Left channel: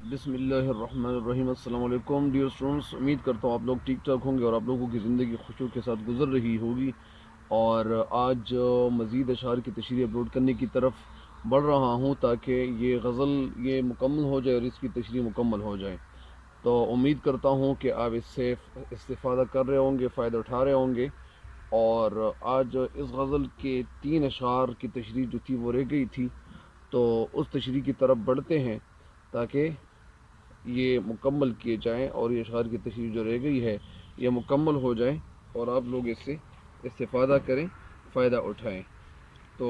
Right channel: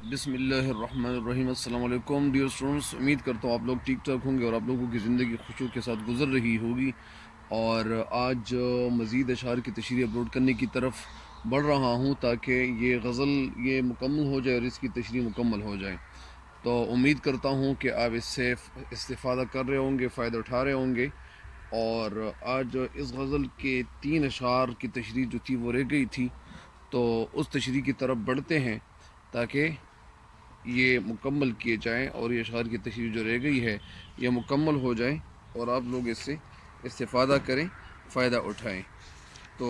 بسم اللہ الرحمن الرحیم۔ السلام علیکم ڈیئر اسٹوڈنٹس، امید کرتا ہوں آپ لوگ ٹھیک ٹھاک ہوں گے اور آپ لوگوں کی زندگی خوشیوں کے ساتھ گزر رہی ہوگی۔ اور آج مزید اشعار کی تشریح اپلوڈ کرنے کی طرف بڑھ رہا ہوں تاکہ یہ غزل مکمل ہو جائے اور اس کی تشریح مکمل ہو جائے۔ تو امید کرتا ہوں کہ آپ اس سے استفادہ کر رہے ہوں گے، فائدہ اٹھا رہے ہوں گے۔ اور آج اس غزل کے 3 اشعار کی تشریح جو تھی وہ رہ گئی تھی، تو اس تشریح کی طرف بڑھتے ہیں تاکہ یہ مکمل کیے جائیں اور یہ اشعار کی تشریح جو رہ گئی ہے یہ مکمل ہو جائے اور آپ لوگ اس سے استفادہ کریں، فائدہ اٹھائیں۔ تو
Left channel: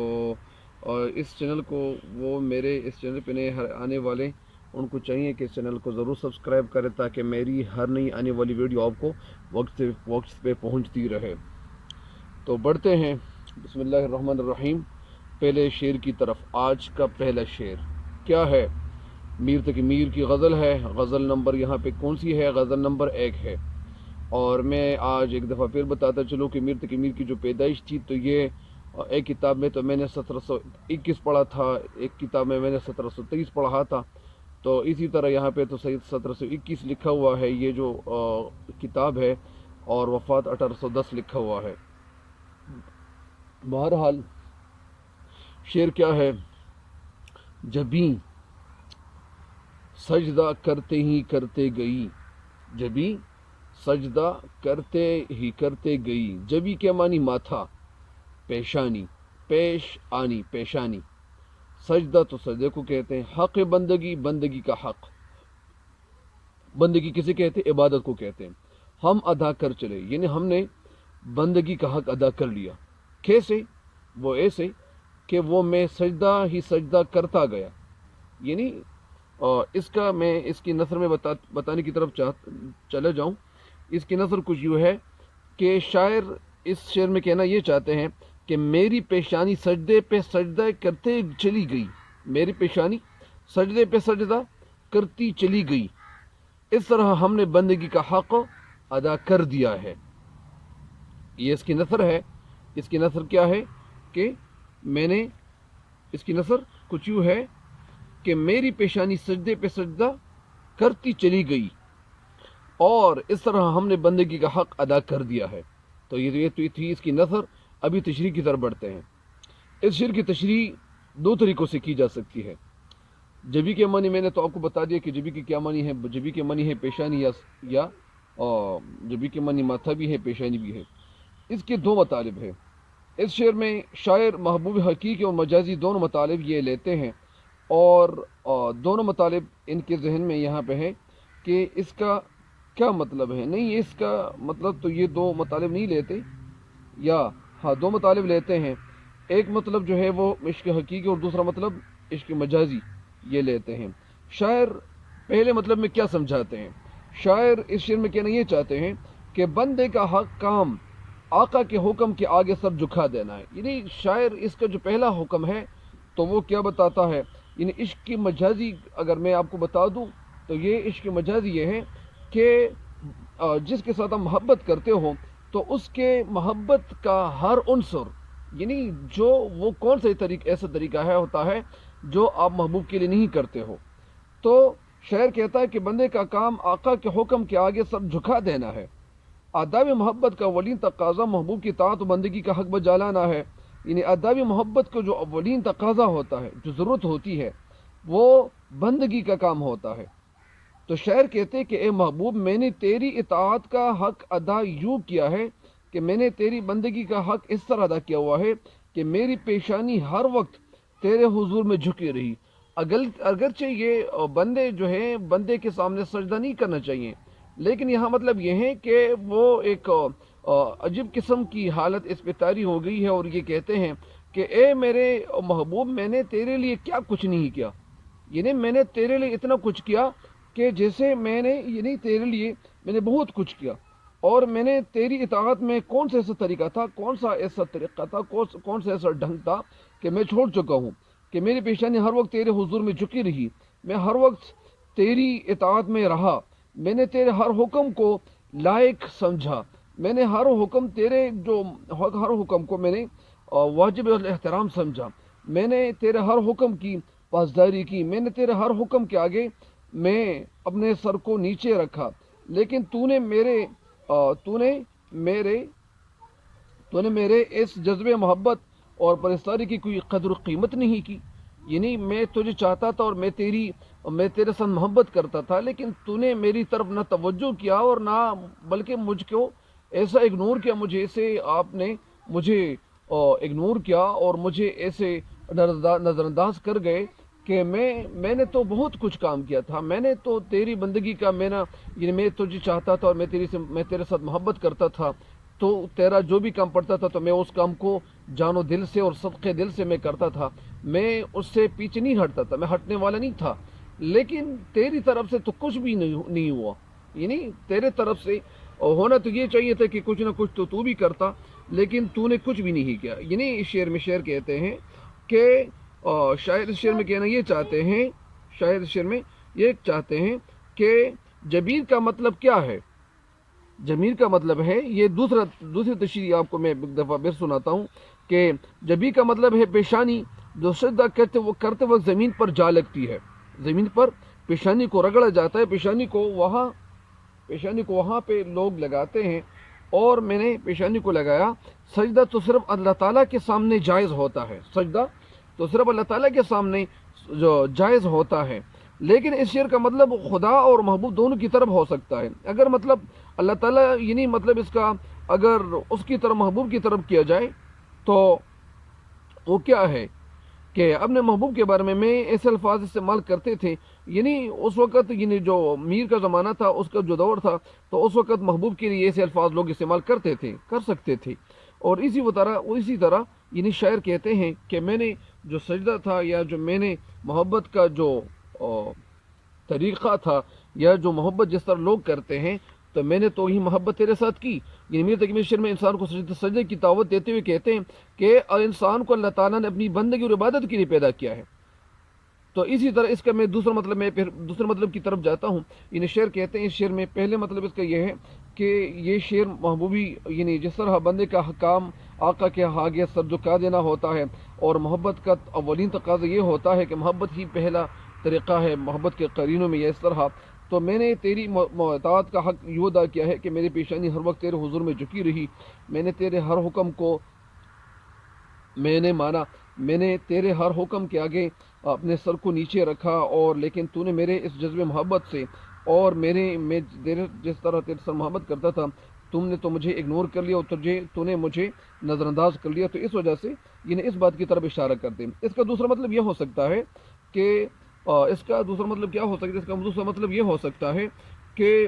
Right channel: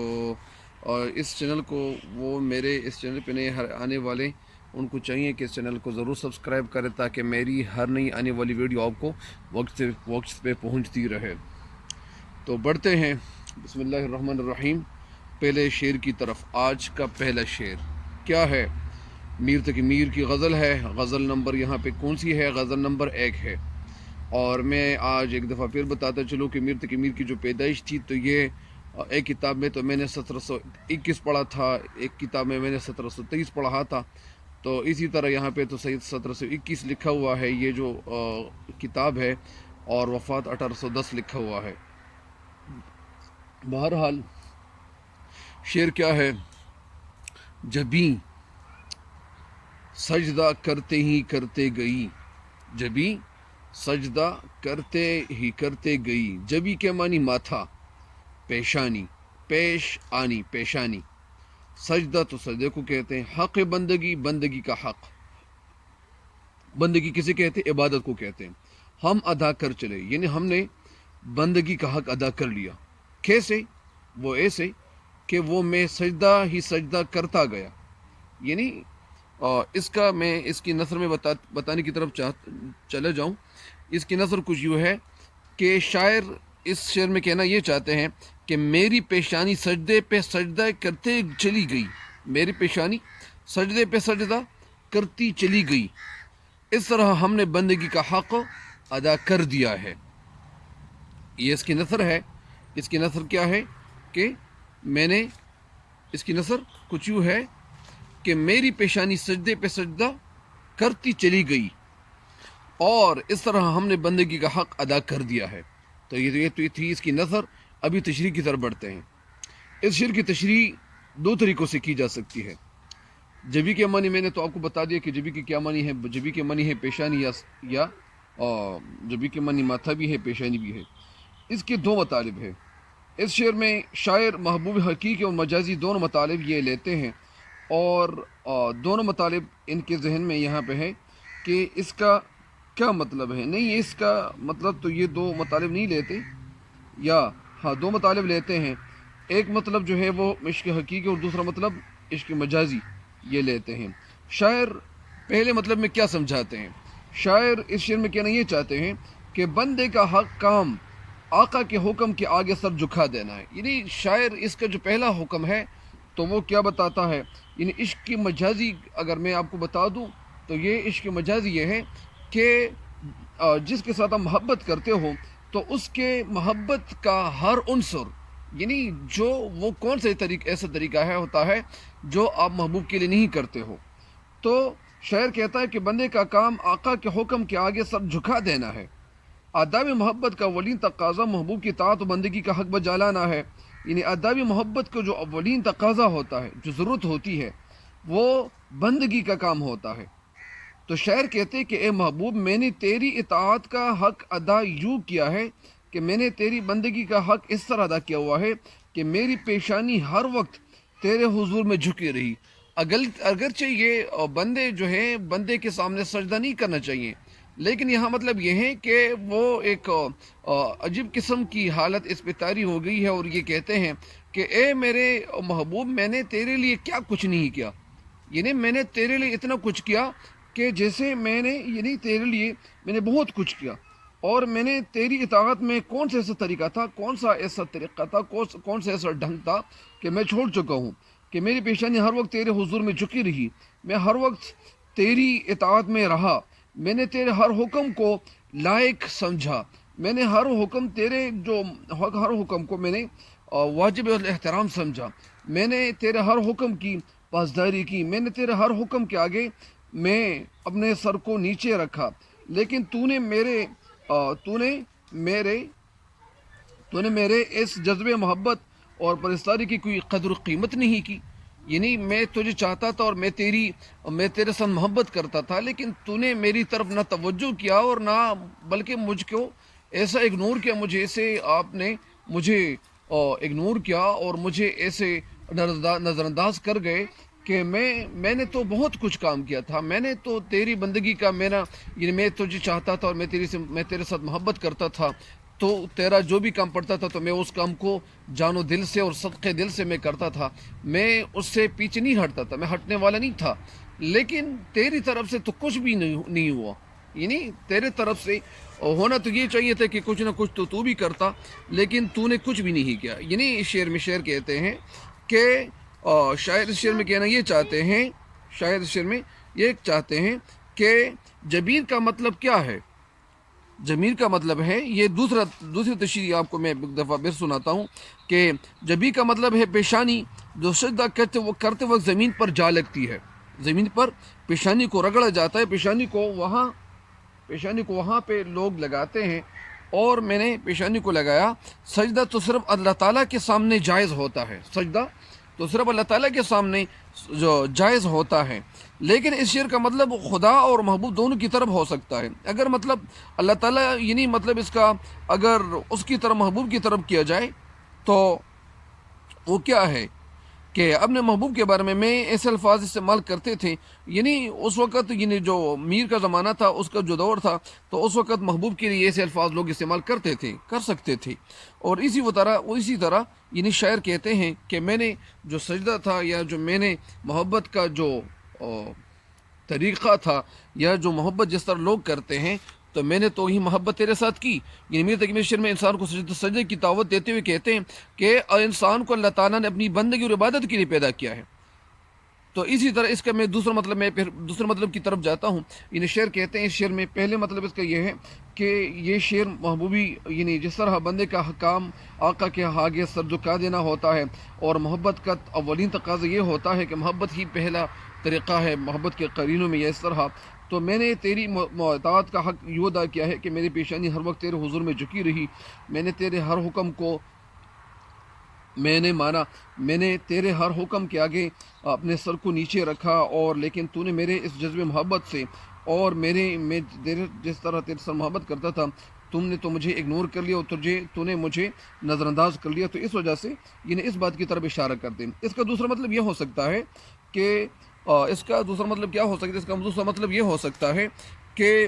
اور اس چینل کو میرے اس چینل پہ نئے آنے والے ان کو چاہیے کہ اس چینل کو ضرور سبسکرائب کریں تاکہ میری ہر نئی آنے والی ویڈیو آپ کو وقت پہ پہنچتی رہے۔ تو بڑھتے ہیں، بسم اللہ الرحمن الرحیم، پہلے شعر کی طرف۔ آج کا پہلا شعر کیا ہے؟ میر تقی میر کی غزل ہے۔ غزل نمبر یہاں پہ کون سی ہے؟ غزل نمبر 1 ہے۔ اور میں آج ایک دفعہ پھر بتاتا چلوں کہ میر تقی میر کی جو پیدائش تھی تو یہ ایک کتاب میں تو میں نے 1721 پڑھا تھا، ایک کتاب میں میں نے 1723 پڑھا تھا، تو اسی طرح یہاں پہ تو 1721 لکھا ہوا ہے یہ جو کتاب ہے، اور وفات 1810 لکھا ہوا ہے۔ بہرحال شعر کیا ہے؟ جبیں سجدہ کرتے ہی کرتے گئی، جبیں سجدہ کرتے ہی کرتے گئی۔ جبی کے معنی ماتھا، پیشانی، پیش آنی، پیشانی۔ سجدہ تو سجدے کو کہتے ہیں۔ حق بندگی، بندگی کا حق، بندگی کسے کہتے ہیں؟ عبادت کو کہتے ہیں۔ ہم ادا کر چلے، یعنی ہم نے بندگی کا حق ادا کر لیا۔ کیسے؟ وہ ایسے کہ وہ میں سجدہ ہی سجدہ کرتا گیا، یعنی اس کا میں اس کی نثر میں بتانے کی طرف چلا جاؤں۔ اس کی نثر کچھ یوں ہے کہ شاعر اس شعر میں کہنا یہ چاہتے ہیں کہ میری پیشانی سجدے پہ سجدہ کرتے چلی گئی، میری پیشانی سجدے پہ سجدہ کرتی چلی گئی، اس طرح ہم نے بندگی کا حق ادا کر دیا ہے۔ یہ اس کی نثر ہے۔ اس کی نثر کیا ہے کہ میں نے، اس کی نثر کچھ یوں ہے کہ میری پیشانی سجدے پہ سجدہ کرتی چلی گئی اور اس طرح ہم نے بندگی کا حق ادا کر دیا ہے۔ تو یہ تھی اس کی نثر۔ ابھی تشریح کی طرف بڑھتے ہیں۔ اس شعر کی تشریح 2 طریقوں سے کی جا سکتی ہے۔ جبی کے معنی میں نے تو آپ کو بتا دیا کہ جبی کے کیا معنی ہے۔ جبی کے معنی ہے پیشانی یا جبی کے معنی ماتھا بھی ہے، پیشانی بھی ہے۔ اس کے 2 مطالب ہیں۔ اس شعر میں شاعر محبوب حقیقی اور مجازی دونوں مطالب یہ لیتے ہیں، اور دونوں مطالب ان کے ذہن میں یہاں پہ ہے کہ اس کا کیا مطلب ہے۔ نہیں، اس کا مطلب تو یہ 2 مطالب نہیں لیتے، یا ہاں 2 مطالب لیتے ہیں۔ ایک مطلب جو ہے وہ عشق حقیقی اور دوسرا مطلب عشق مجازی یہ لیتے ہیں۔ شاعر پہلے مطلب میں کیا سمجھاتے ہیں؟ شاعر اس شعر میں کہنا یہ چاہتے ہیں کہ بندے کا حق کام آقا کے حکم کے آگے سر جھکا دینا ہے۔ یعنی شاعر اس کا جو پہلا حکم ہے تو وہ کیا بتاتا ہے؟ یعنی عشق کی مجازی اگر میں آپ کو بتا دوں تو یہ عشق مجازی یہ ہے کہ جس کے ساتھ آپ محبت کرتے ہو تو اس کے محبت کا ہر عنصر، یعنی جو وہ کون سے ایسا طریقہ ہوتا ہے جو آپ محبوب کے لیے نہیں کرتے ہو۔ تو شاعر کہتا ہے کہ بندے کا کام آقا کے حکم کے آگے سر جھکا دینا ہے۔ آداب محبت کا اولین تقاضا محبوب کی اطاعت و بندگی کا حق بجا لانا ہے۔ یعنی آداب محبت کو جو اولین تقاضا ہوتا ہے، جو ضرورت ہوتی ہے، وہ بندگی کا کام ہوتا ہے۔ تو شاعر کہتے ہیں کہ اے محبوب، میں نے تیری اطاعت کا حق ادا یوں کیا ہے کہ میں نے تیری بندگی کا حق اس طرح ادا کیا ہوا ہے کہ میری پیشانی ہر وقت تیرے حضور میں جھکی رہی۔ اگرچہ یہ بندے جو ہیں، بندے کے سامنے سجدہ نہیں کرنا چاہیے، لیکن یہاں مطلب یہ ہے کہ وہ ایک عجیب قسم کی حالت اس پہ طاری ہو گئی ہے، اور یہ کہتے ہیں کہ اے میرے محبوب، میں نے تیرے لیے کیا کچھ نہیں کیا، یعنی میں نے تیرے لیے اتنا کچھ کیا کہ جیسے میں نے، یعنی تیرے لیے میں نے بہت کچھ کیا، اور میں نے تیری اطاعت میں کون سا ایسا طریقہ تھا، کون سا ایسا طریقہ تھا، کون سا ایسا ڈھنگ تھا کہ میں چھوڑ چکا ہوں، کہ میری پیشانی ہر وقت تیرے حضور میں جھکی رہی، میں ہر وقت تیری اطاعت میں رہا، میں نے تیرے ہر حکم کو لائق سمجھا، میں نے ہر حکم تیرے جو ہر حکم کو میں نے واجب الاحترام سمجھا، میں نے تیرے ہر حکم کی پاسداری کی، میں نے تیرے ہر حکم کے آگے میں اپنے سر کو نیچے رکھا، لیکن تو نے میرے اس جذبے محبت اور پرستاری کی کوئی قدر و قیمت نہیں کی۔ یعنی میں تجھے چاہتا تھا اور میں تیرے ساتھ محبت کرتا تھا، لیکن تو نے میری طرف نہ توجہ کیا اور نہ بلکہ مجھ کو ایسا اگنور کیا، آپ نے مجھے اگنور کیا اور مجھے ایسے نظر انداز کر گئے کہ میں نے تو بہت کچھ کام کیا تھا، میں نے تو تیری بندگی کا یعنی میں تجھے چاہتا تھا اور میں تیرے ساتھ محبت کرتا تھا، تو تیرا جو بھی کام پڑتا تھا تو میں اس کام کو جانو دل سے اور صدقے دل سے میں کرتا تھا، میں اس سے پیچھے نہیں ہٹتا تھا، میں ہٹنے والا نہیں تھا۔ لیکن تیری طرف سے تو کچھ بھی نہیں ہوا، یعنی تیرے طرف سے ہونا تو یہ چاہیے تھا کہ کچھ نہ کچھ تو بھی کرتا، لیکن تو نے کچھ بھی نہیں کیا۔ یعنی اس شعر میں شعر کہتے ہیں کہ شاعر اس شعر میں کہنا یہ چاہتے ہیں، شاعر اس شعر میں یہ چاہتے ہیں کہ جبین کا مطلب کیا ہے؟ جمیل کا مطلب ہے، یہ دوسری تشریح آپ کو میں ایک دفعہ پھر سناتا ہوں کہ جبین کا مطلب ہے پیشانی، جو سجدہ کرتے وقت زمین پر جا لگتی ہے، زمین پر پیشانی کو رگڑا جاتا ہے، پیشانی کو وہاں پہ لوگ لگاتے ہیں، اور میں نے پیشانی کو لگایا۔ سجدہ تو صرف اللہ تعالیٰ کے سامنے جائز ہوتا ہے، سجدہ تو صرف اللہ تعالیٰ کے سامنے جو جائز ہوتا ہے، لیکن اس شعر کا مطلب خدا اور محبوب دونوں کی طرف ہو سکتا ہے۔ اگر مطلب اللہ تعالیٰ، یعنی مطلب اس کا اگر اس کی طرف محبوب کی طرف کیا جائے تو وہ کیا ہے کہ اپنے محبوب کے بارے میں ایسے الفاظ استعمال کرتے تھے، یعنی اس وقت یعنی جو میر کا زمانہ تھا، اس کا جو دور تھا، تو اس وقت محبوب کے لیے ایسے الفاظ لوگ استعمال کر سکتے تھے۔ اور اسی طرح یعنی شاعر کہتے ہیں کہ میں نے جو سجدہ تھا، یا جو میں نے محبت کا جو طریقہ تھا، یا جو محبت جس طرح لوگ کرتے ہیں، تو میں نے تو ہی محبت تیرے ساتھ کی۔ یعنی میر تقی شعر میں انسان کو سجدے کی دعوت دیتے ہوئے کہتے ہیں کہ انسان کو اللہ تعالیٰ نے اپنی بندگی اور عبادت کے لیے پیدا کیا ہے۔ تو اسی طرح اس کا میں پھر دوسرے مطلب کی طرف جاتا ہوں۔ یعنی شعر کہتے ہیں، اس شعر میں پہلے مطلب اس کا یہ ہے کہ یہ شعر محبوبی، یعنی جس طرح بندے کا کام آقا کے آگے سر جھکا دینا ہوتا ہے، اور محبت کا اولین تقاضا یہ ہوتا ہے کہ محبت ہی پہلا طریقہ ہے محبت کے قرینوں میں، یا اس طرح تو میں نے تیری اطاعت کا حق یوں ادا کیا ہے کہ میری پیشانی ہر وقت تیرے حضور میں جھکی رہی، میں نے تیرے ہر حکم کو میں نے مانا، میں نے تیرے ہر حکم کے آگے اپنے سر کو نیچے رکھا، اور لیکن تو نے میرے اس جذبے محبت سے اور میں جس طرح تیرے سر محبت کرتا تھا، تم نے تو مجھے اگنور کر لیا، اور تو نے مجھے نظر انداز کر لیا۔ تو اس وجہ سے یعنی اس بات کی طرف اشارہ کرتے ہیں۔ اس کا دوسرا مطلب یہ ہو سکتا ہے کہ اس کا دوسرا مطلب کیا ہو سکتا ہے؟ اس کا دوسرا مطلب یہ ہو سکتا ہے کہ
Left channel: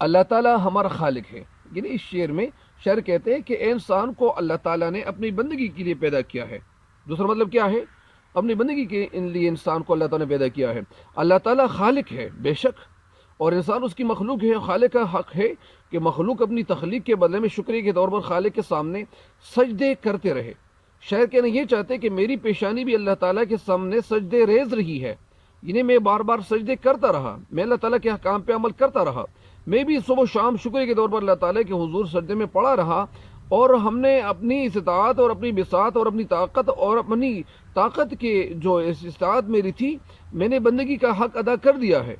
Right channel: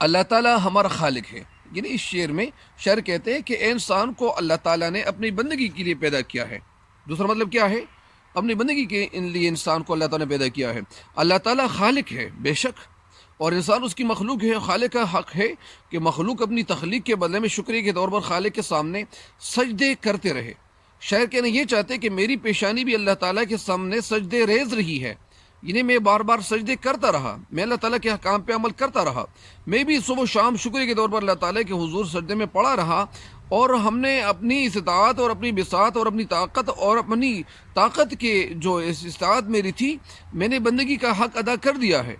اللہ تعالیٰ ہمارا خالق ہے۔ یعنی اس شعر میں شاعر کہتے ہیں کہ انسان کو اللہ تعالیٰ نے اپنی بندگی کے لیے پیدا کیا ہے۔ دوسرا مطلب کیا ہے؟ اپنی بندگی کے لیے انسان کو اللہ تعالیٰ نے پیدا کیا ہے۔ اللہ تعالیٰ خالق ہے بے شک، اور انسان اس کی مخلوق ہے۔ خالق کا حق ہے کہ مخلوق اپنی تخلیق کے بدلے میں شکریہ کے طور پر خالق کے سامنے سجدے کرتے رہے۔ شاعر کہنا یہ چاہتے ہیں کہ میری پیشانی بھی اللہ تعالیٰ کے سامنے سجدے ریز رہی ہے، یعنی میں بار بار سجدے کرتا رہا، میں اللہ تعالیٰ کے حکام پہ عمل کرتا رہا، میں بھی صبح و شام شکر کے طور پر اللہ تعالیٰ کے حضور سجدے میں پڑا رہا، اور ہم نے اپنی استطاعت اور اپنی بساط اور اپنی طاقت کے جو استطاعت میری تھی، میں نے بندگی کا حق ادا کر دیا ہے۔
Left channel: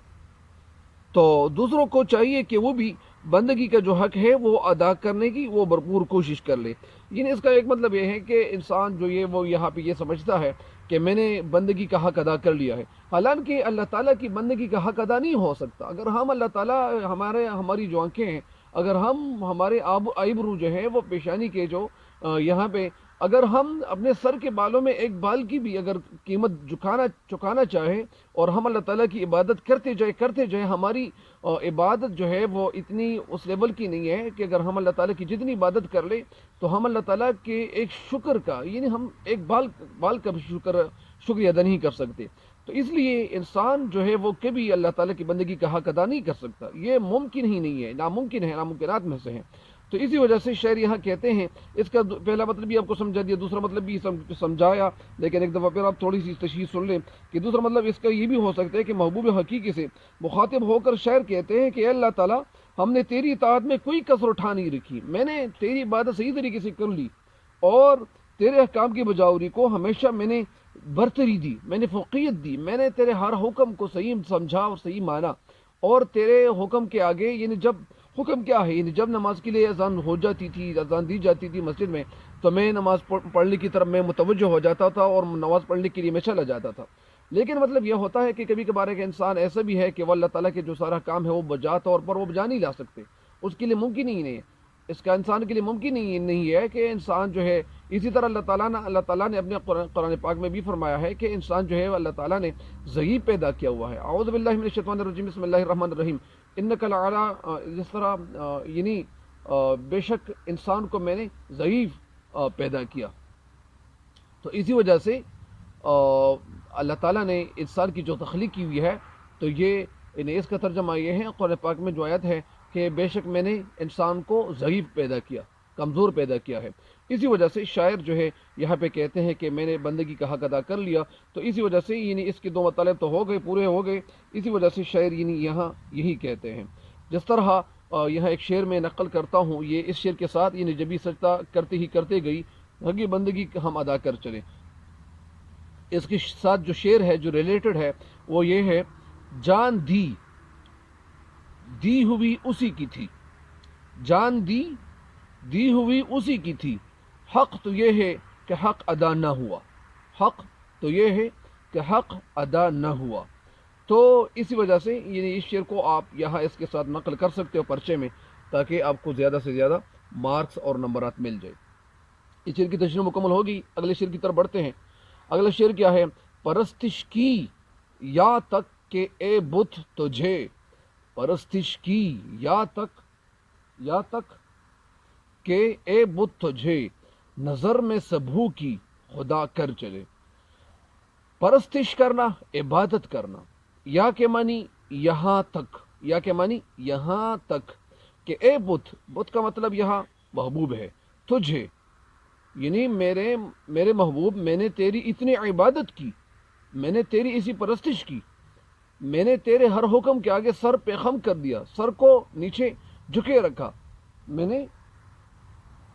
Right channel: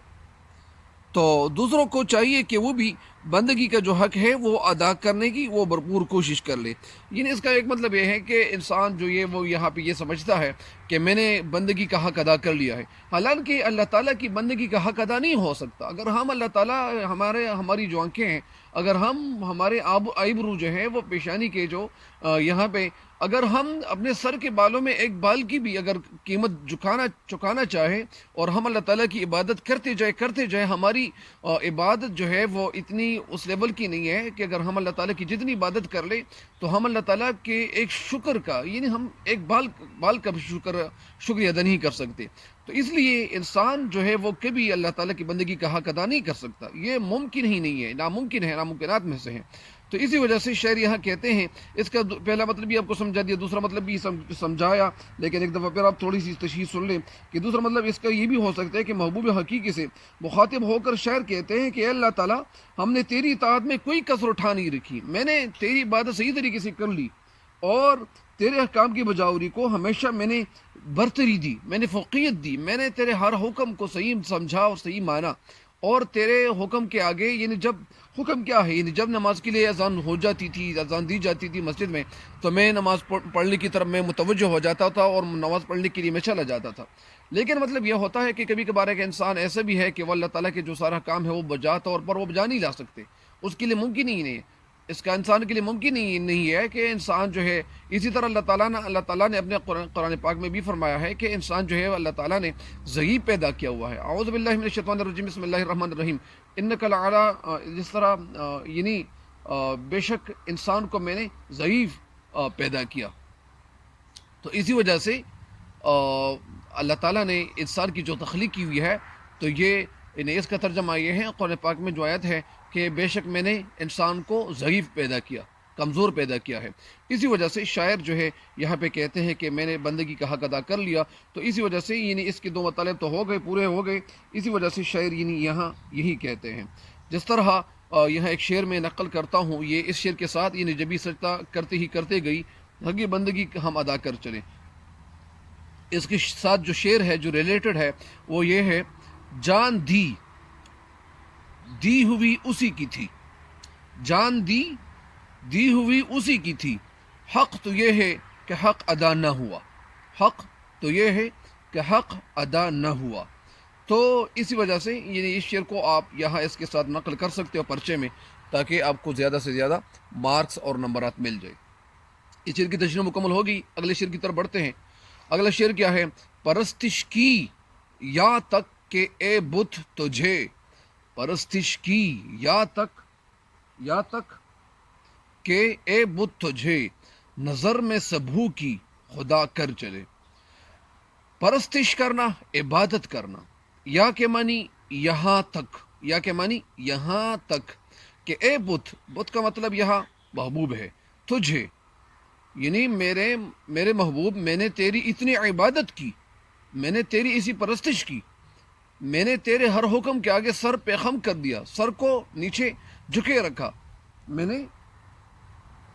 تو دوسروں کو چاہیے کہ وہ بھی بندگی کا جو حق ہے وہ ادا کرنے کی وہ بھرپور کوشش کر لے۔ یعنی اس کا ایک مطلب یہ ہے کہ انسان جو وہ یہاں پہ یہ سمجھتا ہے کہ میں نے بندگی کا حق ادا کر لیا ہے، حالانکہ اللہ تعالیٰ کی بندگی کا حق ادا نہیں ہو سکتا اگر ہم اللہ تعالیٰ ہماری جو آنکھیں ہیں، اگر ہمارے آئیبرو جو ہے وہ پیشانی کے جو یہاں پہ اگر ہم اپنے سر کے بالوں میں ایک بال کی بھی اگر قیمت چکانا چاہے، اور ہم اللہ تعالیٰ کی عبادت کرتے جائیں، ہماری عبادت جو ہے وہ اتنی اس لیول کی نہیں ہے کہ اگر ہم اللہ تعالیٰ کی جتنی عبادت کر لیں تو ہم اللہ تعالیٰ کے ایک شکر کا، یعنی ہم ایک بال کا شکریہ ادا نہیں کر سکتے۔ تو اس لیے انسان جو ہے وہ کبھی اللہ تعالیٰ کی بندگی کا حق ادا نہیں کر سکتا، یہ ممکن ہی نہیں ہے، ناممکن ہے، ناممکنات میں سے ہے۔ تو اسی وجہ سے شاعر یہاں کہتے ہیں، اس کا پہلا مطلب بھی آپ کو سمجھا دیا، دوسرا مطلب بھی سمجھایا، لیکن ایک دفعہ پھر آپ تھوڑی سی تشریح سن لیں کہ دوسرا مطلب اس کا یہ بھی ہو سکتا ہے کہ محبوب حقیقی سے مخاطب ہو کر شاعر کہتے ہیں کہ اے اللہ تعالیٰ، ہم نے تیری اطاعت میں کوئی کسر اٹھا نہیں رکھی، میں نے تیری عبادت صحیح طریقے سے کر لی، اور تیرے احکام کی بجاوری کو ہمیشہ میں نے برتری دی، میں نے فوقیت دی، میں نے تیرے ہر حکم کو صحیح سمجھا اور صحیح مانا، اور تیرے حکم کے آگے یعنی جب حکم کیا ہے، یعنی جب نماز کے لیے اذان ہو جاتی تھی، اذان دی جاتی تھی مسجد میں، تو میں نماز پڑھنے کی طرف میں متوجہ ہو جاتا تھا اور نماز پڑھنے کے لیے میں چلا جاتا تھا۔ لیکن مطلب یہ ہوتا ہے کہ کبھی کبھار ایک انسان ایسا بھی ہے کہ وہ اللہ تعالیٰ کے جو سارا کام ہے وہ بجا طور پر وہ بجا نہیں لا سکتے، اس کے لیے ممکن ہی نہیں ہے، اس کا انسان کے لیے ممکن ہی نہیں ہے کہ انسان جو ہے، اسی طرح اللہ تعالیٰ نے اپنے قرآن پاک میں بھی فرمایا ہے کہ انسان جو ہے اللہ تعالیٰ نے ضعیف پیدا کیا ہوا ہے۔ اعوذ باللہ من الشیطان الرجیم، بسم اللہ الرحمن الرحیم، انک لعلی، جس طرح یعنی بے شک انسان کو میں نے ضعیف پیدا کیا، تو اسی وجہ سے اللہ تعالیٰ نے انسان کی جو تخلیق کی ہوئی ہے، تو یہ اس کا ترجمہ یہ ہے قرآن پاک میں جو آیت ہے کہ بے شک میں نے انسان کو ضعیف پیدا کیا، کمزور پیدا کیا ہے۔ اسی وجہ سے شاعر جو ہے یہاں پہ کہتے ہیں کہ میں نے بندگی کا حق ادا کر لیا، تو اسی وجہ سے یعنی اس کے دو مطالب تو ہو گئے، پورے ہو گئے، اسی وجہ سے شاعر یعنی یہاں یہی کہتے ہیں۔ جس طرح یہاں ایک شعر میں نقل کرتا ہوں، یہ اس شعر کے ساتھ یعنی جبھی سجدہ کرتے گئی حقی بندگی ہم ادا کر چلے، اس کے ساتھ جو شعر ہے جو ریلیٹڈ ہے وہ یہ ہے، جان دی ہوئی اسی کی تھی، جان دی ہوئی اسی کی تھی، حق تو یہ ہے کہ حق ادا نہ ہوا، حق تو یہ ہے کہ حق ادا نہ ہوا۔ تو اسی وجہ سے یعنی اس شعر کو آپ یہاں اس کے ساتھ نقل کر سکتے ہو پرچے میں، تاکہ آپ کو زیادہ سے زیادہ مارکس اور نمبرات مل جائے۔ اس شعر کی تشریح مکمل ہوگی، اگلے شعر کی طرف بڑھتے ہیں۔ اگلا شعر کیا ہے، پرستش کی یا تک کہ اے بت تجھے، پرستش کی یا تک کہ اے بت تجھے، نظر میں سبھو کی خدا کر چلے۔ پرستش کرنا، عبادت کرنا، یا کے معنی یہاں تک، یا کے معنی یہاں تک کہ اے بت کا مطلب یہاں محبوب ہے، تجھے یعنی میرے محبوب، میں نے تیری اتنی عبادت کی، میں نے تیری اسی پرستش کی، میں نے تیرے ہر حکم کے آگے سر پہ خم کر دیا، سر کو نیچے جھکے رکھا میں نے،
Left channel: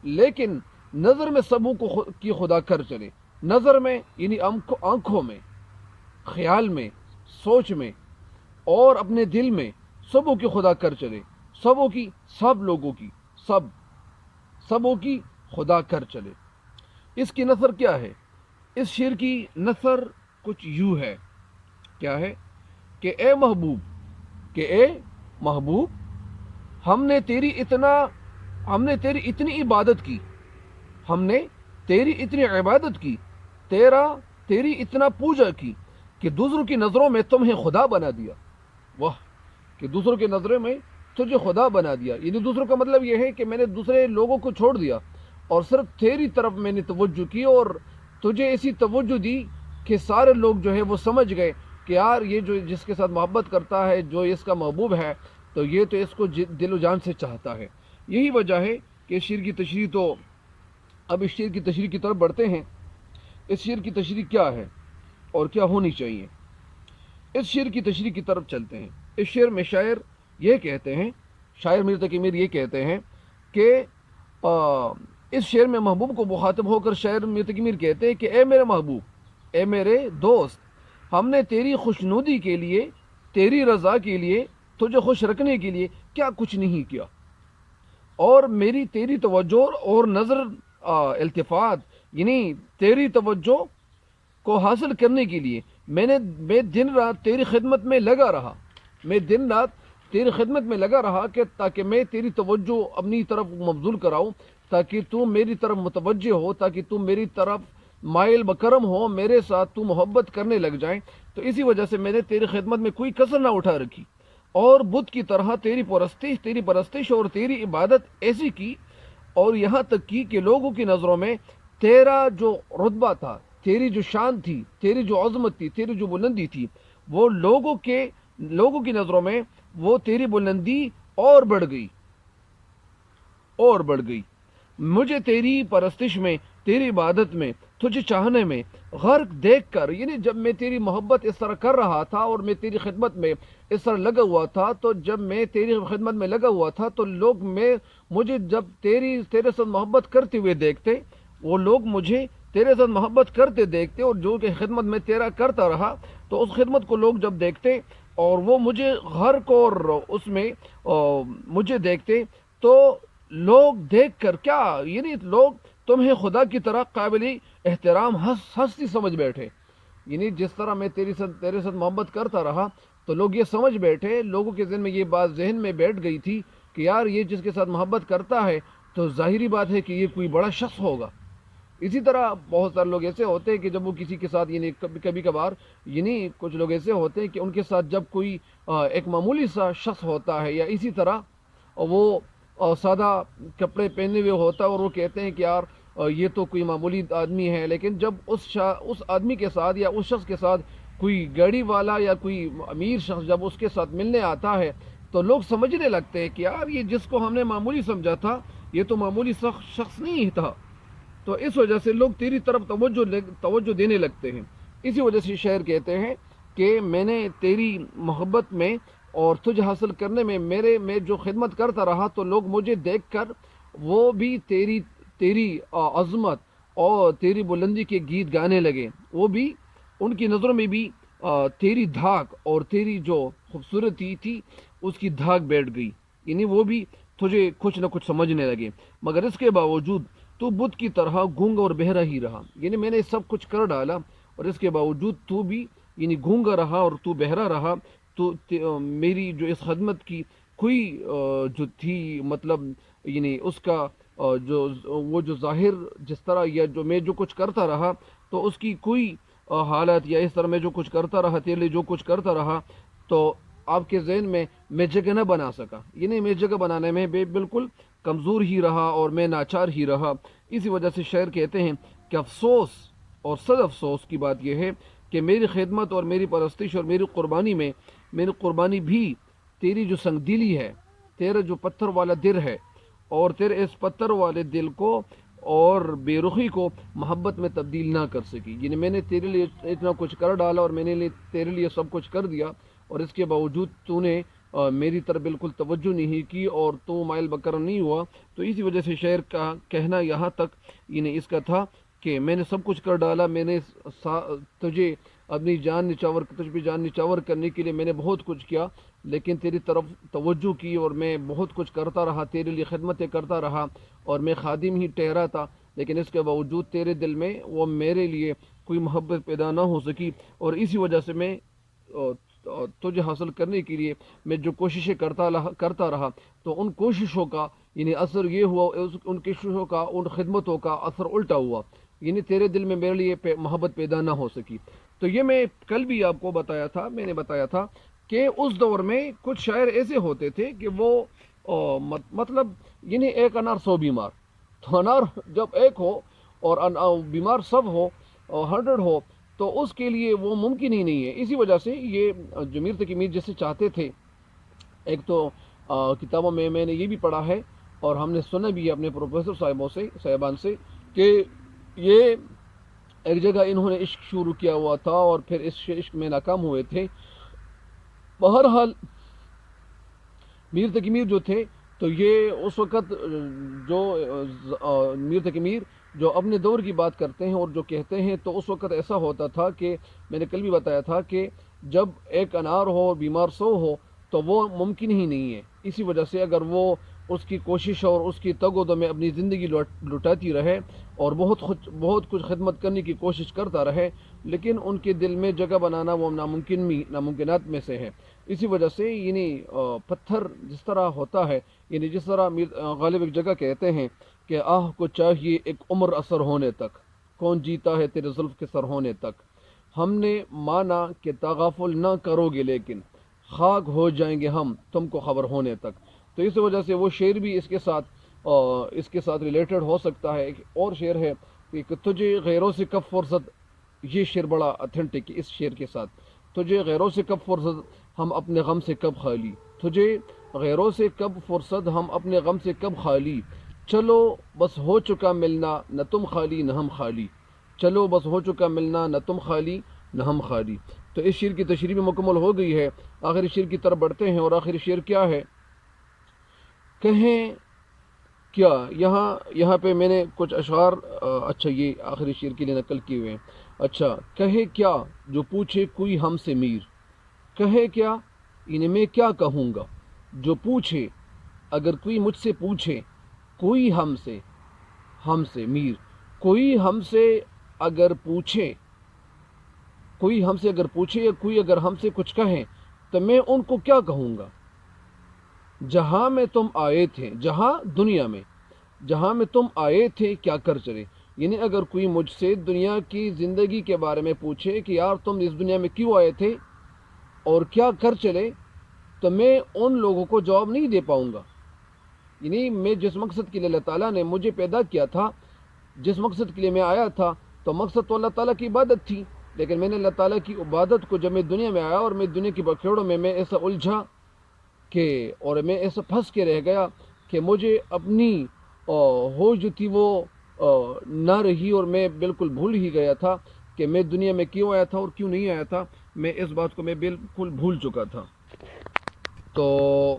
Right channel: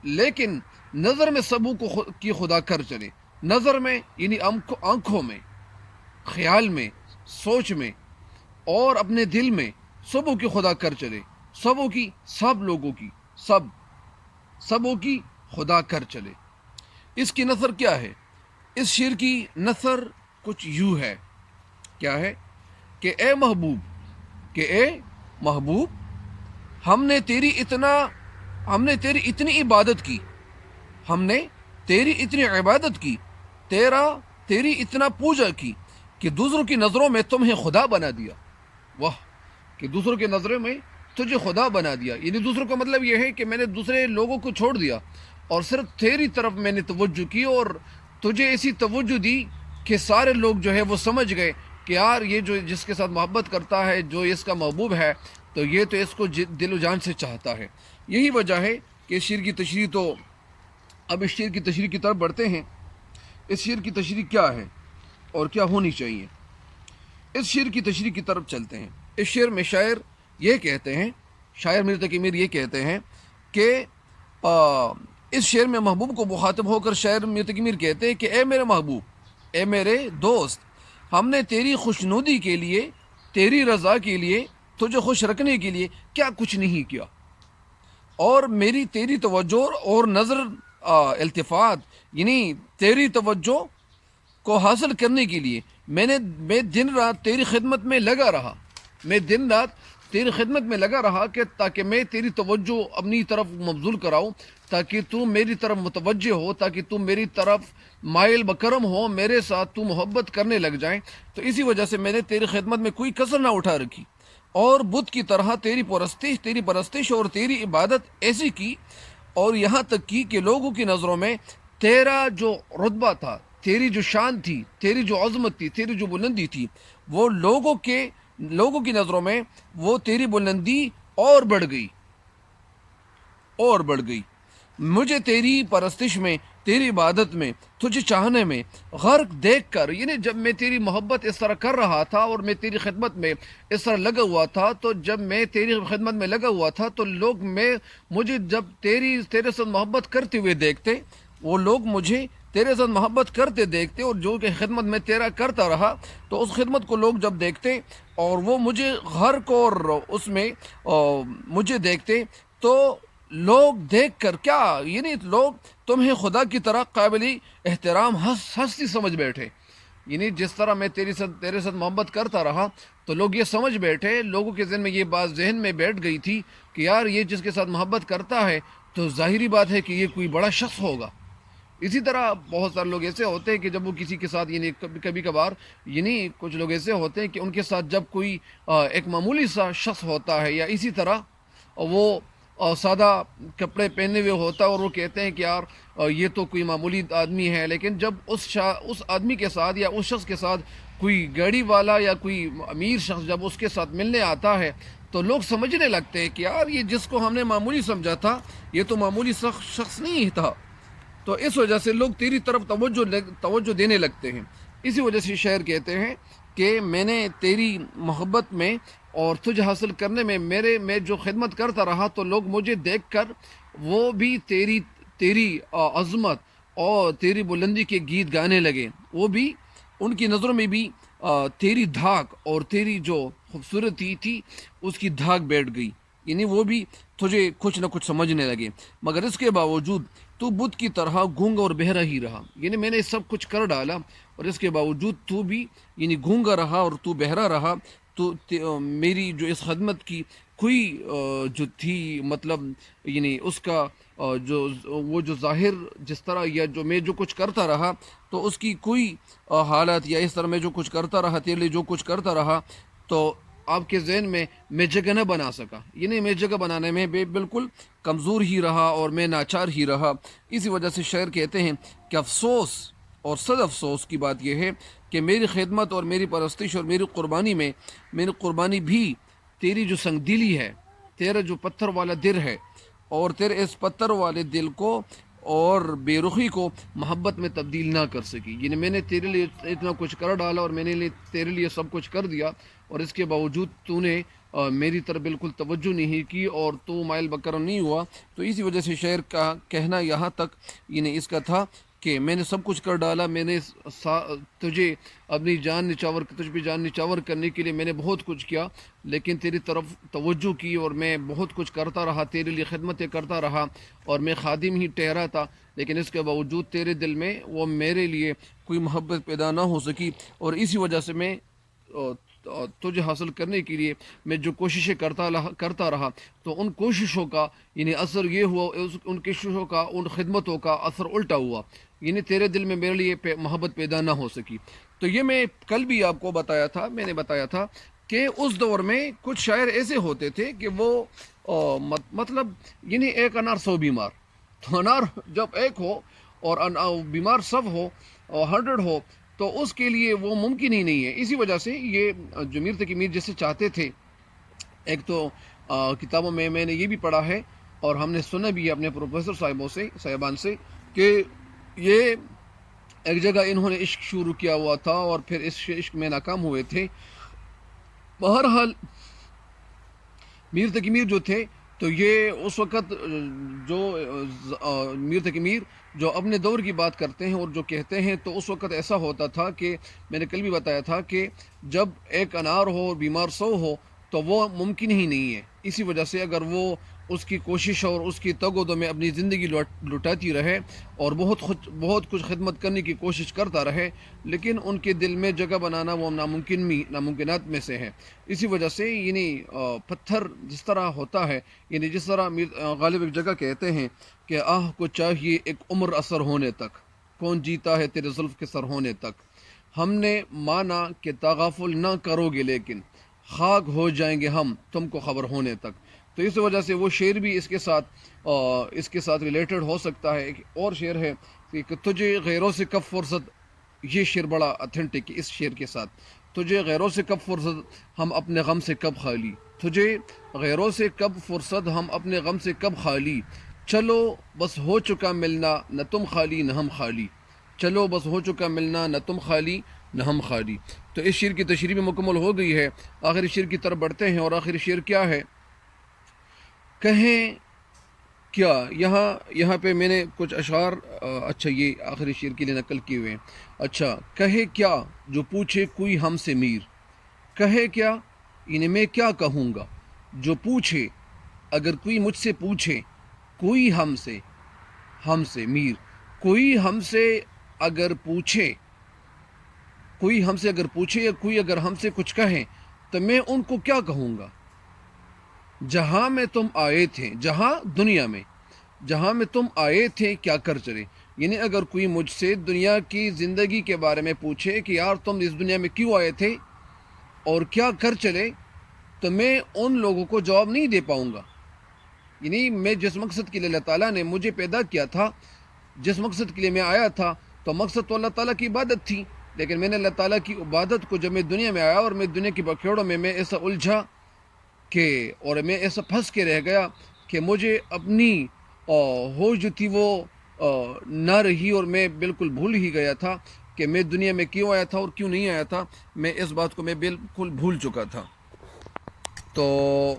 لیکن نظر میں سبو کی خدا کر چلے، نظر میں یعنی آنکھوں میں، خیال میں، سوچ میں اور اپنے دل میں سبوں کی خدا کر چلے، سبوں کی، سب لوگوں کی، سبوں کی خدا کر چلے۔ اس کی نثر کیا ہے؟ اس شعر کی نثر کچھ یوں ہے، کیا ہے کہ اے محبوب، ہم نے تیری اتنی عبادت کی، ہم نے تیری اتنی عبادت کی، تیری اتنا پوجا کی کہ دوسروں کی نظروں میں تمہیں خدا بنا دیا۔ واہ، کہ دوسروں کی نظروں میں تجھے خدا بنا دیا، یعنی دوسروں کا مطلب یہ ہے کہ میں نے دوسرے لوگوں کو چھوڑ دیا اور صرف تیری طرف میں نے توجہ کی، اور تجھے ایسی توجہ دی کہ سارے لوگ جو ہے وہ سمجھ گئے کہ یار یہ جو جس کے ساتھ محبت کرتا ہے، جو اس کا محبوب ہے، تو یہ تو اس کو دل و جان سے چاہتا ہے۔ یہی وجہ ہے کہ اس شعر کی تشریح، تو اب اس شعر کی تشریح کی طرف بڑھتے ہیں۔ اس شعر کی تشریح کیا ہے اور کیا ہونی چاہیے، اس شعر کی تشریح کی طرف چلتے ہیں۔ اس شعر میں شاعر یہ کہتے ہیں، شاعر میر تقی میر یہ کہتے ہیں کہ اس شعر میں محبوب کو مخاطب ہو کر شاعر میر تقی میر کہتے ہیں کہ اے میرے محبوب، اے میرے دوست، ہم نے تیری خوشنودی کے لیے، تیری رضا کے لیے، تجھے خوش رکھنے کے لیے کیا کچھ نہیں کیا، اور تیری توجہ اور نظر التفات یعنی تیری توجہ کو حاصل کرنے کے لیے میں دن رات تیری خدمت میں لگا رہا، میں دن رات تیری خدمت میں لگا رہا کہ تاکہ میں تیری توجہ اپنی طرف مبذول کراؤں، تاکہ تو میری طرف متوجہ ہو، تاکہ تو میری طرف مائل بکرم ہو، میرے ساتھ تو محبت کرنے لگ جائیں۔ تو اسی وجہ سے میں نے تیری خدمت میں کوئی کسر نہ اٹھا رکھی، اور بت کی طرح تیری پرستش اور تیری عبادت ایسی کی، اور یہاں تک کی کہ لوگوں کی نظروں میں تیرا جو رتبہ تھا، تیری جو شان تھی، تیری جو عظمت تھی، تیری جو بلندی تھی، وہ لوگوں کی نظروں میں وہ تیری بلندی اور بڑھ گئی۔ مجھے تیری پرستش میں، تیری عبادت میں، تجھے چاہنے میں غرق دیکھ کر، یعنی جب میں تیری محبت اس طرح کر رہا تھا اور میں تیری خدمت میں اس طرح لگا ہوا تھا، تو جب میں تیری خدمت میں لگا ہوا تھا تو لوگ مجھے جب تیرے ساتھ محبت کرتے ہوئے دیکھتے، وہ لوگ مجھے تیرے ساتھ محبت کرتے دیکھتے، اور جو کہ خدمت میں تیرا کرتا رہا، تو اس خدمت کو لوگ جب دیکھتے اور وہ مجھے گھر کو اور اس میں مجھے دیکھتے، تو لوگ دیکھ کر کیا، یعنی لوگ تمہیں خدا کی طرح قابل احترام ہستی سمجھ بیٹھے. یعنی جس طرح میں تیرے ساتھ محبت کرتا رہا، تو لوگ یہ سمجھ بیٹھے، لوگوں کے ذہن میں یہ بات ذہن میں بیٹھ گئی تھی کہ یار یہ جس کے ساتھ محبت کرتا ہے تو ظاہری بات ہے کہ یہ کوئی بڑا شخص ہوگا. اسی طرح بہت سارے لوگ ایسے ہوتے ہیں کہ جب وہ کسی کے ساتھ، یعنی کبھی کبھار، یعنی کچھ لوگ ایسے ہوتے ہیں کہ ان کے ساتھ جب کوئی ایک معمولی سا شخص ہوتا ہے، یا اسی طرح وہ سادہ کپڑے پہنے ہوئے ہوتا ہے، اور وہ کہتے ہیں کہ یار یہ تو کوئی معمولی آدمی ہے، لیکن جب اس آدمی کے ساتھ یا اس شخص کے ساتھ کوئی گاڑی والا یا کوئی امیر شخص جب اس کے ساتھ ملنے آتا ہے، تو لوگ سمجھنے لگتے ہیں کہ یار یہ جس کو ہم نے معمولی سمجھا تھا، یہ تو معمولی شخص نہیں تھا. تو اس وجہ سے لوگ تیری طرف توجہ دینے لگتے ہیں. اسی وجہ سے شاعر کہتے ہیں کہ میں نے تیری محبت میں اور تجھ حاصل کرنے میں جو خدمت کرتا رہا، تو لوگ مجھے دیکھ کر وہ بھی تیری عظمت اور تیری بلندی کے گیت گانے لگے. وہ بھی ان کی نظروں میں بھی تیری دھاک اور تیری جو خوبصورتی تھی اس کی دھاک بیٹھ گئی. یعنی وہ بھی تجھے کچھ نہ کچھ سمجھنے لگے. مگر اس کے باوجود تو بت کی طرح گونگا اور بہرا ہی رہا. یعنی میں نے سب کچھ کر ڈالا، اور اس کے باوجود تو بھی یعنی گونگا رہا اور تو بہرا رہا. تو میری جو اس خدمت کی کوئی جو تھی، مطلب یعنی اس کا جو ظاہر جس طرح، یا جو میں جو کچھ کرتا رہا، تو اس کی کوئی حالت، یا اس طرح میں جو کچھ کرتا رہا، تیرے لیے جو کچھ کرتا رہا، تو آپ کے ذہن میں جگہ نہ بنا سکا. یعنی میں جگہ بنانے میں بالکل کمزور ہی رہا اور میں ناچار ہی رہا. اسی وجہ سے شاعر کہتے ہیں کہ افسوس اور صد افسوس کی بات یہ ہے کہ میری خدمت اور میری پرستش اور میری قربانی بھی تیری جو سنگ دلی ہے، تیرا جو پتھر والا دل ہے، اور تیرے اس پتھر والے دل کو اور بے رخی کو محبت میں تبدیل نہ کر سکی. یعنی میں نے تیرے لیے اتنا کچھ کر ڈالا، اور میں نے تیرے لیے سب کچھ کر دیا، اور اس کے باوجود تو نے میری طرف بالکل توجہ نہیں کی، اور تو مائل بکر نہیں ہوا. تو اسی وجہ سے شاعر کا کہنا یہاں تک یعنی اس کا تھا کہ میں نے سب کچھ کر ڈالا، میں نے تجھے اپنی تجھ پہ جان نچاور کرنے کے لیے میں نے بہت کچھ کیا، لیکن تیری طرف توجہ کی، اور میں بہت کچھ کرتا رہا، تیرے لیے خدمتیں کرتا رہا، اور میں خادم ہی ٹھہرا تھا. لیکن اس کے باوجود تیرے دل میں وہ میرے لیے کوئی محبت پیدا نہ ہو سکی. اور اسی وجہ سے میں تجھے حاصل کرنے کے لیے میں جو کوششیں کرتا رہا، تو ان کوششوں کا یعنی اثر یہ ہوا، ان کوششوں کا، ان خدمتوں کا اثر الٹا ہوا. یعنی تیرے دل میں میرے لیے محبت پیدا نہ ہو سکی. تو یہ میں کل بھی آپ کو میں نے بتایا تھا کہ اس دور میں کچھ شاعر ایسے ہوتے تھے کہ وہ مطلب یعنی ایک انار 100 بیمار. تو انار جب ایک ہو اور بیمار سب ہو، 100 ہو، تو اس کے لیے وہ ممکن ہی نہیں ہے. اسی وجہ سے یہ جو میر تقی میر جیسے چاہتے تھے، ایک تو کتابوں میں نے یہ بھی پڑھا ہے، اور ہم نے سنا بھی اپنے پروفیسر صاحبان سے کہ یہ ایک جگہ انہوں نے عشق شروع کیا ہوا تھا، اور پھر اس عشق میں ناکام ہوئے تھے. بہرحال میر تقی میر جو تھے، تو یہ اس وقت جو میر تقی میر جو اپنے دور کی بات کرتے ہیں اور جو کہتے ہیں، تو اس وقت ایسا ہوتا تھا کہ میں نے کل بھی بتایا تھا کہ جب ایک انار ہو اور بیمار 100 ہو، تو وہ ممکن ہی نہیں ہے. اسی وجہ سے اگر وہ اس کی کوشش اور اس کی تگ و دو میں اپنی زندگی لٹاتی رہے، اور بہت کچھ خدمت کرنے کی کوشش کرتا رہے، لیکن ان کے دل میں جگہ بنانا وہ ناممکنات میں سے ہے. اسی وجہ سے یعنی پتھر جس طرح ہوتا ہے، یعنی جس طرح غالب ایک جگہ کہتے ہیں کہ آہ کو چاہیے ایک عمر اثر ہونے تک، کون جیتا ہے تیرے زلف کے سر ہونے تک. ہم نے مانا کہ تغافل نہ کرو گے، لیکن خاک ہو جائیں گے ہم تم کو خبر ہونے تک. تو اس وجہ سے وہ شعر بھی اس کے ساتھ ریلیٹڈ ہو سکتا ہے. ایک اور شعر ہے کہ تجھے غیروں سے کب فرصت، یہ شعر بڑا اتھینٹک ہے. اس شعر کے ساتھ تجھے غیروں سے کب فرصت، ہم اپنے غم سے کب خالی. تجھے غیروں سے کب فرصت، ہم اپنے غم سے کب خالی. چلو بس ہو چکا ملنا، نہ تم خالی نہ ہم خالی. چلو بس ہو چکا ملنا، نہ تم خالی نہ ہم خالی. تو اس شعر کی تشریح بھی مکمل ہو گئی ہے. آخری شعر کی طرف بڑھتے ہیں، اور آخری شعر کیا ہے؟ کہیں کیا یہاں پہ میں نے کچھ اشعار اچھا یہ آخری شعر کے لیے نقل کیے ہوئے ہیں. اچھا کہے کیا جو پوچھے کوئی ہم سے میر. کہے کیا یعنی میں کیا کہوں گا. جو پوچھے اگر کوئی مجھ سے پوچھے کوئی ہم سے میر. کوئی ہم سے اگر پوچھے یا کوئی اگر ہم سے کچھ کہیں تو میں ان کو کیا کہوں گا. جہاں میں تم آئے تھے, دنیا میں جہاں میں تم آئے تھے کیا کر چلے. یعنی اگر کوئی مجھ سے دنیا کی زندگی کے بارے میں پوچھے کہ یار تم اس دنیا میں کیوں آئے تھے اور کیا کر چلے, تو میں ان لوگوں کو جواب نہیں دے پاؤں گا. یعنی میں جس مقصد کے لیے اللہ تعالیٰ نے مجھے پیدا کیا تھا, جس مقصد کے لیے میں آیا تھا, تو مقصد تو اللہ تعالیٰ کی عبادت تھی. لیکن میں نے اللہ تعالیٰ کی عبادت کو جب میں دنیا میں آیا اور میں دنیا کی بکھیڑوں میں ایسا الجھا اور میں ایسا پھنس کے رہ گیا کہ مجھے اپنی ہوش جو تھی وہ نہ رہی, اور میں بالکل بھول ہی گیا تھا کہ میں دنیا میں کیوں آیا تھا اور کیوں نہیں آیا تھا. میں اس بات کو میں بالکل بھول چکا تھا. تو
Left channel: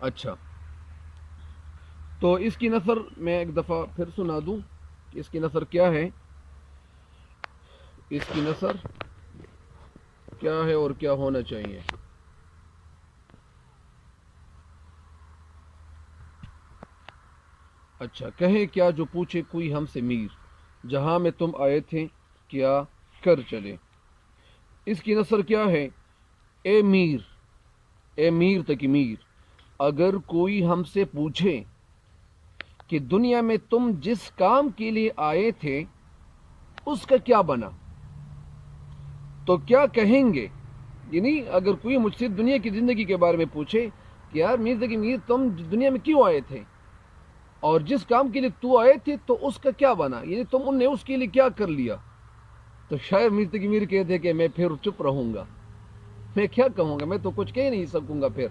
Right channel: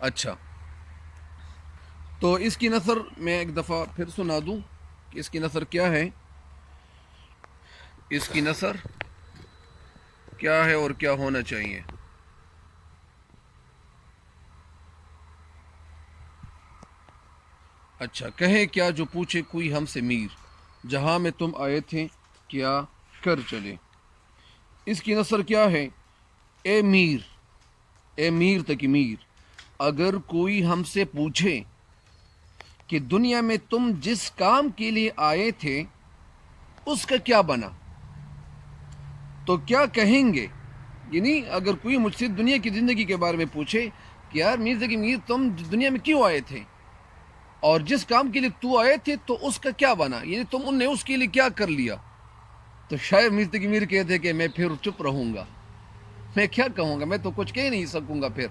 اچھا, تو اس کی نثر میں ایک دفعہ پھر سنا دوں کہ اس کی نثر کیا ہے. اس کی نثر کیا ہے اور کیا ہونا چاہیے. اچھا کہے کیا جو پوچھے کوئی ہم سے میر. جہاں میں تم آئے تھے کیا کر چلے. اس کی نثر کیا ہے. اے میر تک میر, اگر کوئی ہم سے پوچھے کہ دنیا میں تم جس کام کے لیے آئے تھے اس کا کیا بنا, تو کیا کہیں گے. یعنی اگر کوئی مجھ سے دنیا کی زندگی کے بارے میں پوچھے کہ یار میر تم دنیا میں کیوں آئے تھے اور جس کام کے لیے تو آئے تھے تو اس کا کیا بنا, یعنی تم نے اس کے لیے کیا کر لیا, تو شاید میر کہتے کہ میں پھر چپ رہوں گا. میں کیا کہوں گا, میں تو کچھ کہہ نہیں سکوں گا. پھر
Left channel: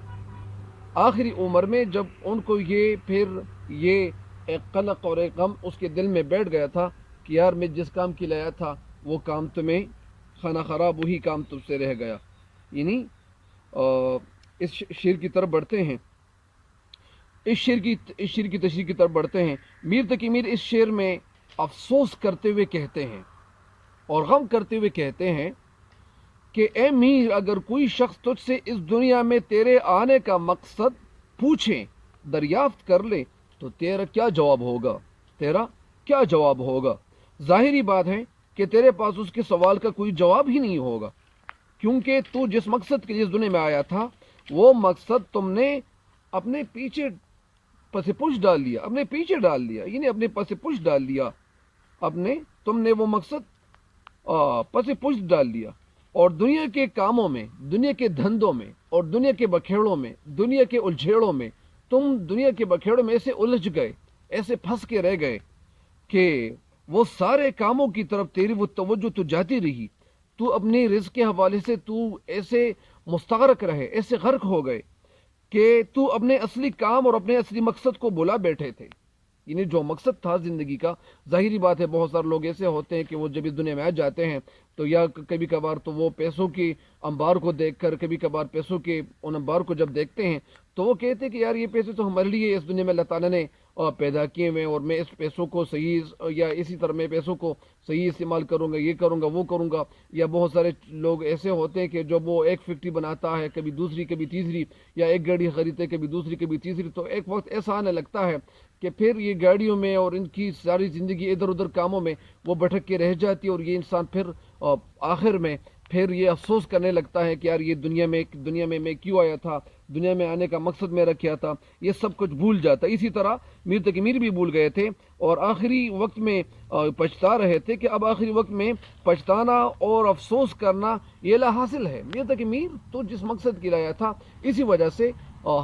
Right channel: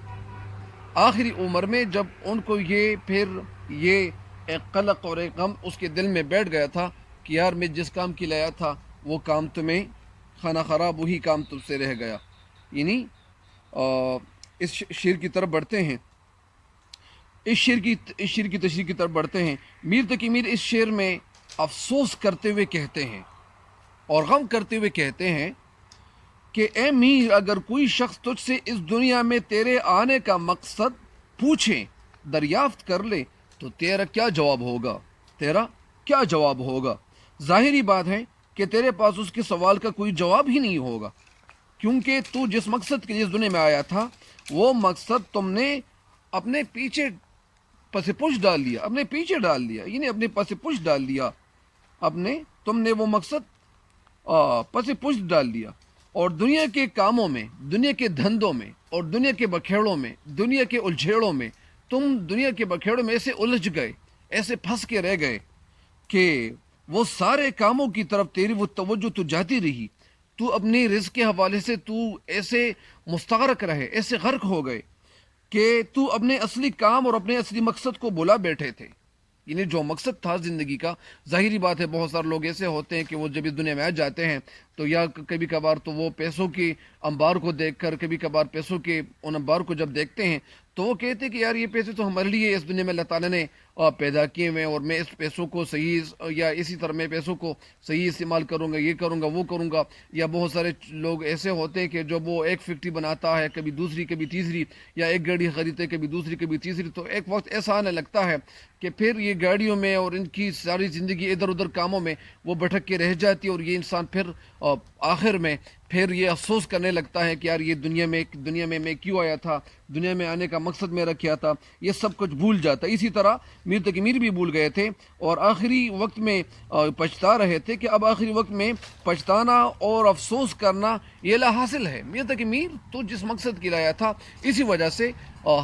آخری عمر میں جب ان کو یہ ایک قلق اور ایک غم اس کے دل میں بیٹھ گیا تھا کہ یار میں جس کام کے لیے آیا تھا وہ کام تمہیں خانہ خراب, وہی کام تم سے رہ گیا. یعنی اس شعر کی طرف بڑھتے ہیں, اس شعر کی تشریح کی طرف بڑھتے ہیں. میر تقی میر اس شعر میں افسوس کرتے ہوئے کہتے ہیں اور غم کرتے ہوئے کہتے ہیں کہ اے میر اگر کوئی شخص تجھ سے اس دنیا میں تیرے آنے کا مقصد پوچھے, دریافت کر لے, تو تیرا کیا جواب ہوگا. ظاہری بات ہے کہ تیرے پاس اس کے سوال کا کوئی جواب ہی نہیں ہوگا, کیونکہ تو جس مقصد کے لیے اس دنیا میں آیا تھا وہ مقصد تم نے اپنے پیچھے پس پش ڈال لیا, یعنی اپنے پس پش ڈال لیا, تم نے وہ مقصد پس پش ڈال لیا. اور دنیا کے کاموں میں, دنیا کے دھندوں میں اور دنیا کے بکھیڑوں میں, دنیا کے الجھیڑوں میں تم دنیا کے بکھیڑوں میں ایسے الجھ گئے, ایسے پھنس کے رہ گئے کہ وہ سارے کاموں کی طرف تیری وہ توجہ تو جاتی رہی. تو اپنے رزق کے حوالے سے تو ایسے مستغرق رہے, ایسے غرق ہو گئے کہ تو اپنے اصلی کام اور اپنے اصلی مقصد کو بھلا بیٹھے تھے. یعنی جو مقصد تھا زندگی کا, ظاہری بات ہے بہت سارے لوگ ایسے ہوتے ہیں کہ وہ جب اس دنیا میں آ جاتے ہیں تو یا کبھی کبھار تو وہ پیسوں کی انبار کو دیکھ کر, کبھی کبھار پیسوں کے ان انبار کو جب دیکھتے ہیں تو وہ کہتے ہیں کہ یار یہ پیسے تو ہمارے لیے اس دنیا میں اللہ تعالیٰ نے پیدا کیے ہوئے ہیں, اور میں اس پیسوں کو صحیح یا اسی طرح میں پیسوں کو صحیح استعمال کروں گا, یہ کروں گا وہ کروں گا. یا بہت سارے لوگ ایسے ہوتے ہیں کہ جب وہ ایک فیکٹری بناتا ہے, کبھی دوسری کبھی تیسری, یا ایک گاڑی خریدتے کبھی دوسری کبھی تیسری, تو ایک وقت ایسا آنے لگتا ہے کہ پھر یہ گاڑیوں میں اور ان کی ساری زندگی ادھر ادھر کاموں میں وہ بھٹک کے رہ جاتی ہے, اور یہ انسان پھر آخر میں پھر یہ افسوس کرنے لگتا ہے کہ یار یہ دنیا میں میں کیوں آیا تھا, دنیا میں آنے کا مقصد میرا کیا تھا, یہ سب کچھ بھول جاتا. اسی طرح میر تقی میر بھی بھول گئے تھے اور آخری وقت میں پچھتا رہے تھے کہ اب آخری وقت میں پچھتانا اور افسوس کرنا یہ لا حاصل ہے. میر تقی میر تو جس مقصد کے لیے آیا تھا, اسی وجہ سے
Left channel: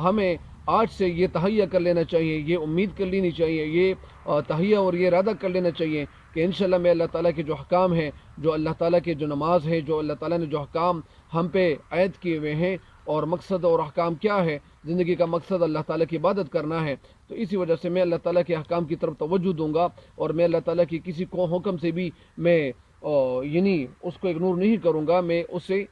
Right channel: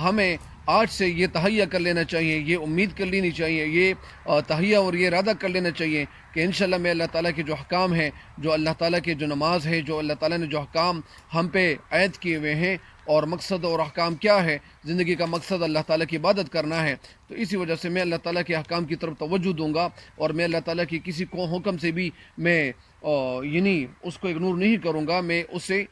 ہمیں آج سے یہ تہیہ کر لینا چاہیے, یہ امید کر لینی چاہیے, یہ تہیہ اور یہ ارادہ کر لینا چاہیے کہ انشاءاللہ میں اللہ تعالیٰ کے جو حکام ہیں, جو اللہ تعالیٰ کے جو نماز ہے, جو اللہ تعالیٰ نے جو حکام ہم پہ عائد کیے ہوئے ہیں, اور مقصد اور حکام کیا ہے, زندگی کا مقصد اللہ تعالیٰ کی عبادت کرنا ہے. تو اسی وجہ سے میں اللہ تعالیٰ کے حکام کی طرف توجہ دوں گا, اور میں اللہ تعالیٰ کی کسی کو حکم سے بھی میں یعنی اس کو اگنور نہیں کروں گا, میں اس سے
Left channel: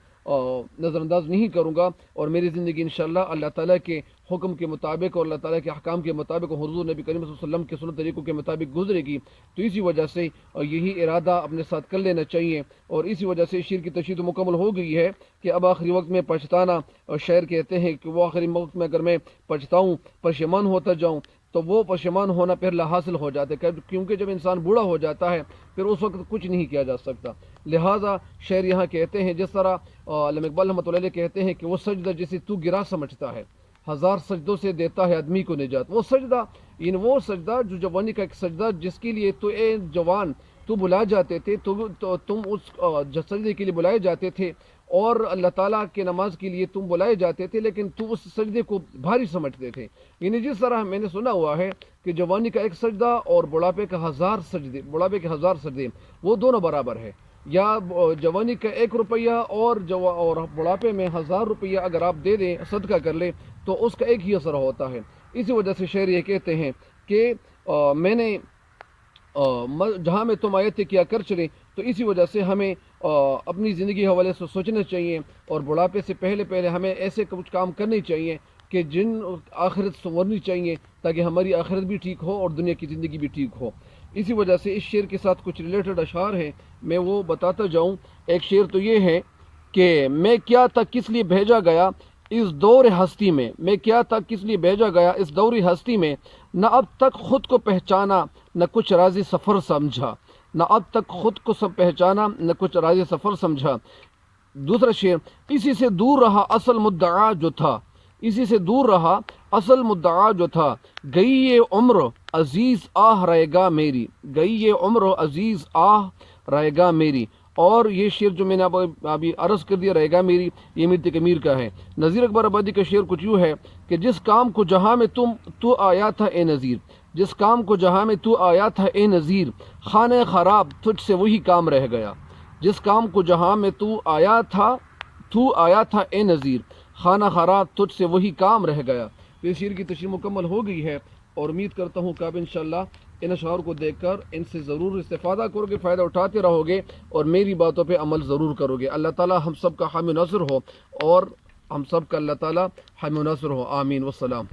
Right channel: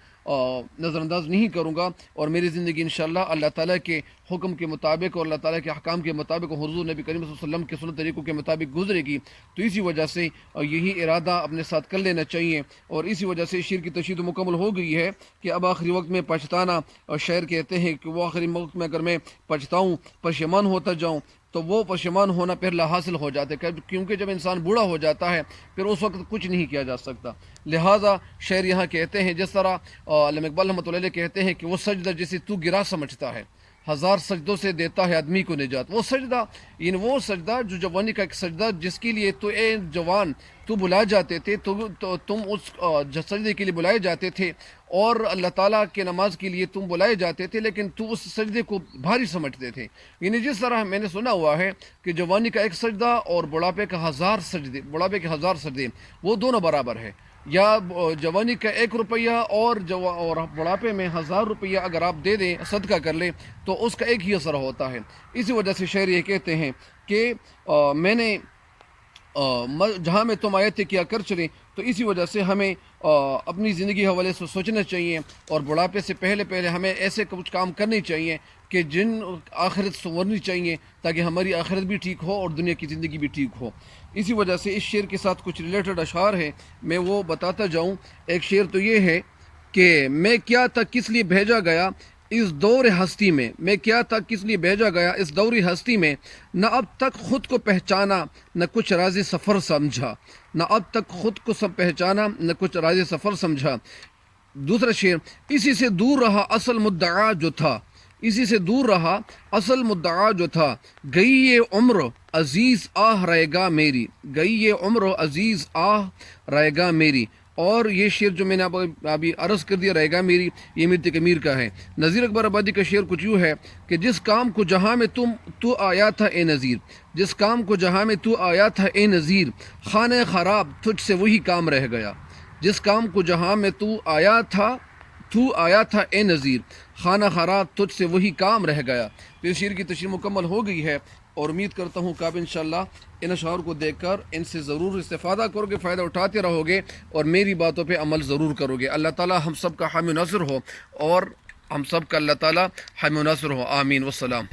نظر انداز نہیں کروں گا، اور میری زندگی انشاءاللہ اللہ تعالیٰ کے حکم کے مطابق اور اللہ تعالیٰ کے احکام کے مطابق اور حضور نبی کریم صلی اللہ علیہ وسلم کے سنت طریقوں کے مطابق گزرے گی۔ تو اسی وجہ سے یہی ارادہ اپنے ساتھ کر لینا چاہیے، اور اسی وجہ سے شعر کی تشریح مکمل ہو گئی ہے کہ اب آخری وقت میں پچھتانا، اور شاعر کہتے ہیں کہ وہ آخری وقت میں اگر میں پچھتاؤں، پشیمان ہوتا جاؤں، تو وہ پشیمان ہونا پھر حاصل ہو جاتے، کیونکہ جب انسان بوڑھا ہو جاتا ہے پھر اس وقت کچھ نہیں کیا جا سکتا۔ لہٰذا شاعر یہاں کہتے ہیں، جس طرح علامہ اقبال رحمۃ اللہ علیہ کہتے ہیں کہ وہ سجدہ جسے تو گرا سمجھتا ہے، ہزار سجدوں سے دیتا ہے آدمی کو نجات۔ وہ سجدہ، یعنی وہ سجدہ جو جوانی کا ایک سجدہ جس کے لیے تو اے جوان تو بلائے جاتے تھے، تو تم اس سجدے کے لیے بلائے جاتے تھے، اور اللہ تعالیٰ کے نماز کے لیے تم بلائے جاتے تھے، لیکن تو اس سجدے کو بھاری سمجھتے تھے۔ یعنی جس طرح میں نے سنا ہوا ہے کہ جوانی کا ایک سجدہ اور بڑھاپے کا ہزار سجدے، بڑھاپے کے ہزار سجدے، وہ دونوں برابر ہے۔ یا جوانی کا 1 روپیہ اور بڑھاپے میں 1000 روپیہ اگر آپ دے دیں، صدقہ کر لیں، تو اس کا ایک ہی اثر ہوتا ہے۔ اسی وجہ سے شاعر یہ کہتے ہیں کہ میں نے جہاں میں تم آئے تھے کیا کر چلے۔ تو اسی وجہ سے ہمیں اپنی زندگی حوالے سے سوچنا چاہیے، اور بڑھاپے سے پہلے ہمیں ایسے کچھ کام کرنے چاہیے کہ جن آخرت سنورنی چاہیے، تاکہ ہماری آخرت بھی ٹھیک ہو اور دنیا کی زندگی بھی ٹھیک ہو۔ اسی وجہ سے اس شعر کے ساتھ کچھ ریلیٹڈ اشعار ہیں، میں وہ بتاتا جاؤں۔ ایک شعر تو یہ ہے کہ میں کیا تھا کس لیے بھیجا گیا اس دور ہستی میں، میں کیا تھا کس لیے بھیجا گیا اس دور ہستی میں، نہ اب تک خود کو پہچانا نہ کچھ راز سفر سمجھا، نہ اب تک خود کو سب پہچانا نہ کچھ راز سفر سمجھا۔ دوسرا شعر، اسی سے دور رہا اصل مدعا جو تھا، اسی سے دور رہا اصل مدعا جو تھا، گئی یہ عمر عزیز آہ رہے گا میری، گئی یہ عمر عزیز آہ رہے گا میری۔ اور یہ شعر جو میں نے ابھی عرض کر دیا رہے گا میری، یہ میر تقی امیر کا ہے۔ نذیر اکبر آبادی کا شعر کچھ یوں ہے کہ جس کام کو جہاں میں تو آیا تھا اے نذیر، جس کام کو جہاں میں تو آیا تھا اے نذیر، خانہ خراب تجھ سے وہی کام رہ گیا، جس کام کو جہاں میں تو آیا تھا اے نذیر، خانہ خراب تجھ سے وہی کام رہ گیا۔ تو اس شعر کی تشریح مکمل ہو گئی ہے، اور امید کرتا ہوں کہ آپ انشاءاللہ ان اشعار کو دیکھ کر ان سے ضرور استفادہ کرو گے، فائدہ اٹھاتے رہو گے، اور میری باتوں پہ عمل ضرور کرو گے۔ اللہ تعالی ہم سب کا حامی و ناصر ہو، اور ہم سب کا اللہ تعالی حامی و ناصر ہو، آمین والسلام۔